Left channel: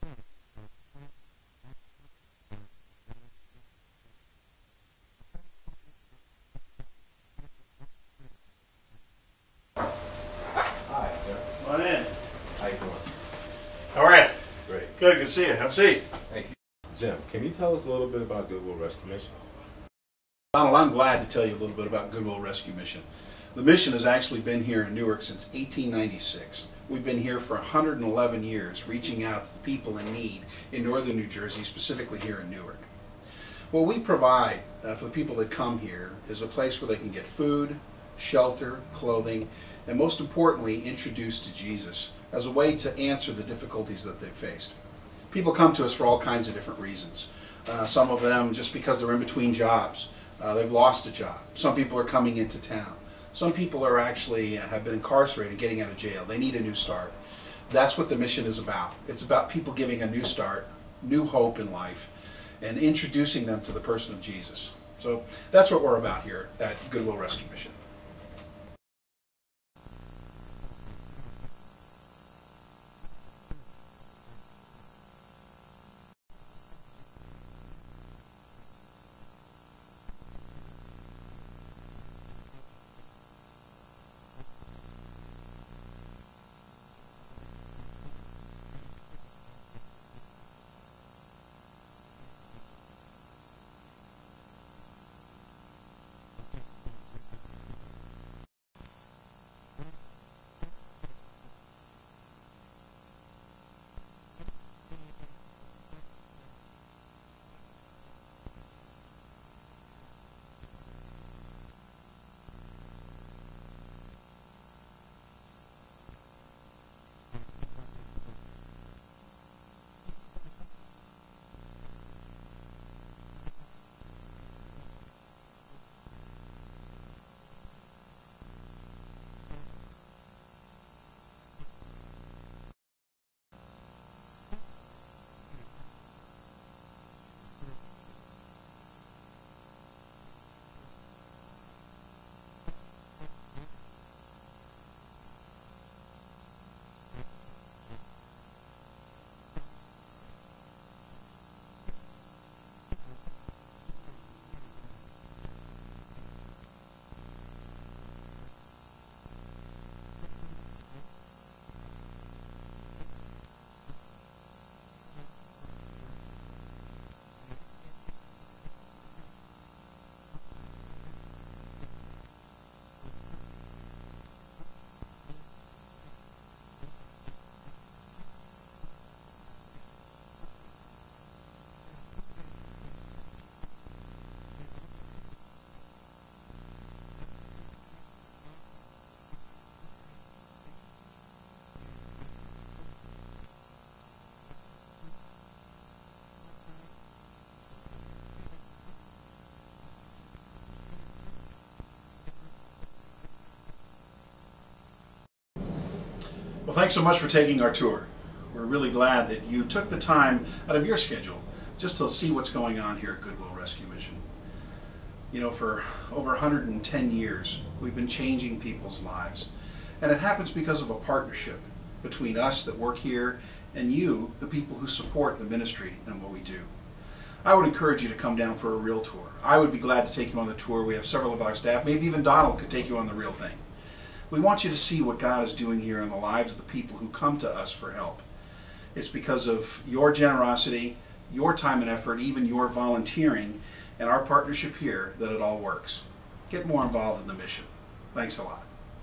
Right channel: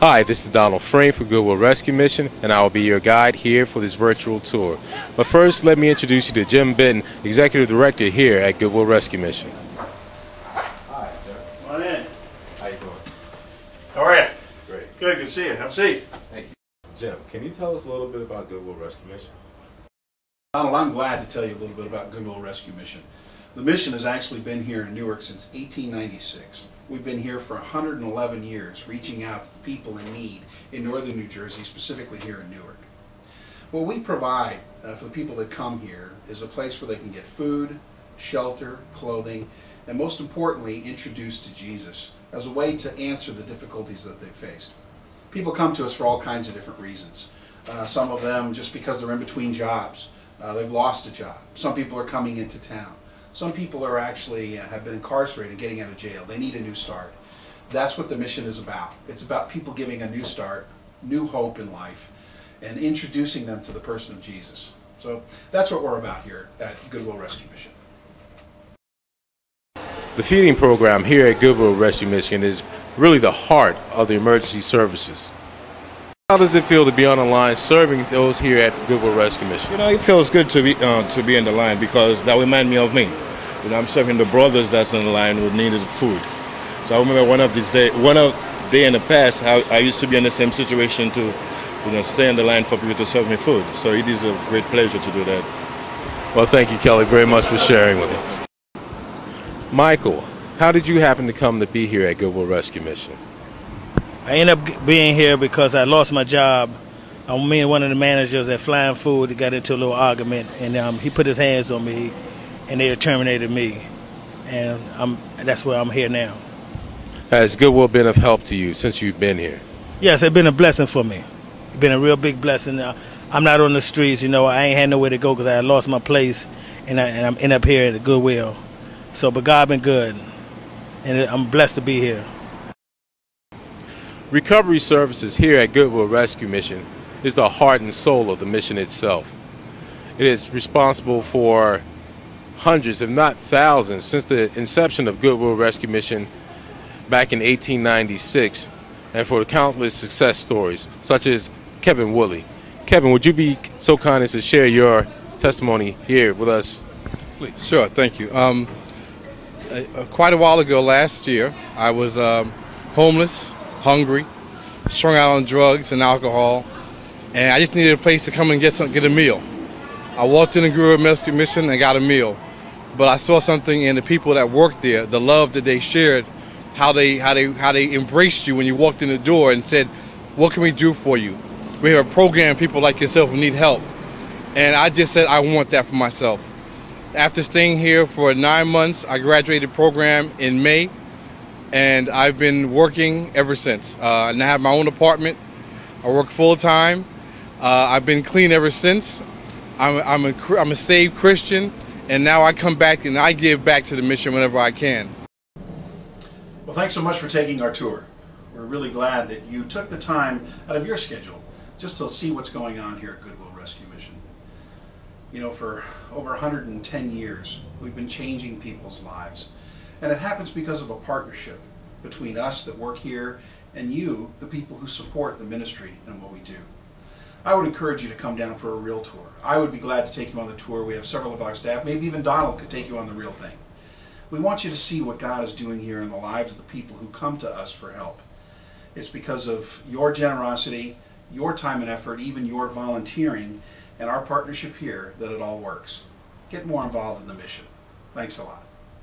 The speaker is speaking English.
Hi, this is Donald Frame for Goodwill Rescue Mission, and I will be your guide here for this virtual tour. But first, let me introduce you to Jim Benton, Executive Director here at Goodwill Rescue Mission. Hi, Jeff. Come on in. How you doing? How are you? Great. Good to see you. Have a seat. Thank you. Jim, can you tell us a little bit about Goodwill Rescue Mission? Donald, I'm glad to tell you a little bit about Goodwill Rescue Mission. The mission has actually been here in Newark since 1896. We've been here for 111 years, reaching out to the people in need in northern New Jersey, specifically here in Newark. What we provide for the people that come here is a place where they can get food, shelter, clothing, and most importantly, introduced to Jesus as a way to answer the difficulties that they've faced. People come to us for all kinds of different reasons. Some of them just because they're in between jobs. They've lost a job. Some people are coming into town. Some people are actually have been incarcerated, getting out of jail. They need a new start. That's what the mission is about. It's about people giving a new start, new hope in life, and introducing them to the person of Jesus. So that's what we're about here at Goodwill Rescue Mission. The feeding program here at Goodwill Rescue Mission is really the heart of the emergency services. How does it feel to be on the line serving those here at Goodwill Rescue Mission? You know, it feels good to be in the line because that reminds me of me. You know, I'm serving the brothers that's in the line who needed food. So I remember one of day in the past, how I used to be in the same situation to, stay in the line for people to serve me food. So it is a great pleasure to do that. Well, thank you, Kelly, very much for sharing with us. Michael, how did you happen to come to be here at Goodwill Rescue Mission? I ended up being here because I lost my job. Me and one of the managers at Flying Food got into a little argument, and he put his hands on me, and they terminated me. And that's where I'm here now. Has Goodwill been of help to you since you've been here? Yes, it's been a blessing for me. It's been a real big blessing. I'm not on the streets, I ain't had nowhere to go because I lost my place, and I'm end up here at the Goodwill. But God been good, and I'm blessed to be here. Recovery services here at Goodwill Rescue Mission is the heart and soul of the mission itself. It is responsible for hundreds, if not thousands, since the inception of Goodwill Rescue Mission back in 1896, and for the countless success stories, such as Kevin Woolley. Kevin, would you be so kind as to share your testimony here with us, please? Sure, thank you. Quite a while ago last year, I was homeless, hungry, strung out on drugs and alcohol, and I just needed a place to come and get a meal. I walked in the Goodwill Rescue Mission and got a meal, but I saw something in the people that worked there, the love that they shared, how they embraced you when you walked in the door and said, "What can we do for you? We have a program for people like yourself who need help." And I just said, I want that for myself. After staying here for 9 months, I graduated the program in May, and I've been working ever since. And I have my own apartment. I work full-time. I've been clean ever since. I'm a saved Christian, and now I come back and I give back to the mission whenever I can. Well, thanks so much for taking our tour. We're really glad that you took the time out of your schedule just to see what's going on here at Goodwill Rescue Mission. For over 110 years, we've been changing people's lives. And it happens because of a partnership between us that work here and you, the people who support the ministry and what we do. I would encourage you to come down for a real tour. I would be glad to take you on the tour. We have several of our staff. Maybe even Donald could take you on the real thing. We want you to see what God is doing here in the lives of the people who come to us for help. It's because of your generosity, your time and effort, even your volunteering, and our partnership here that it all works. Get more involved in the mission. Thanks a lot.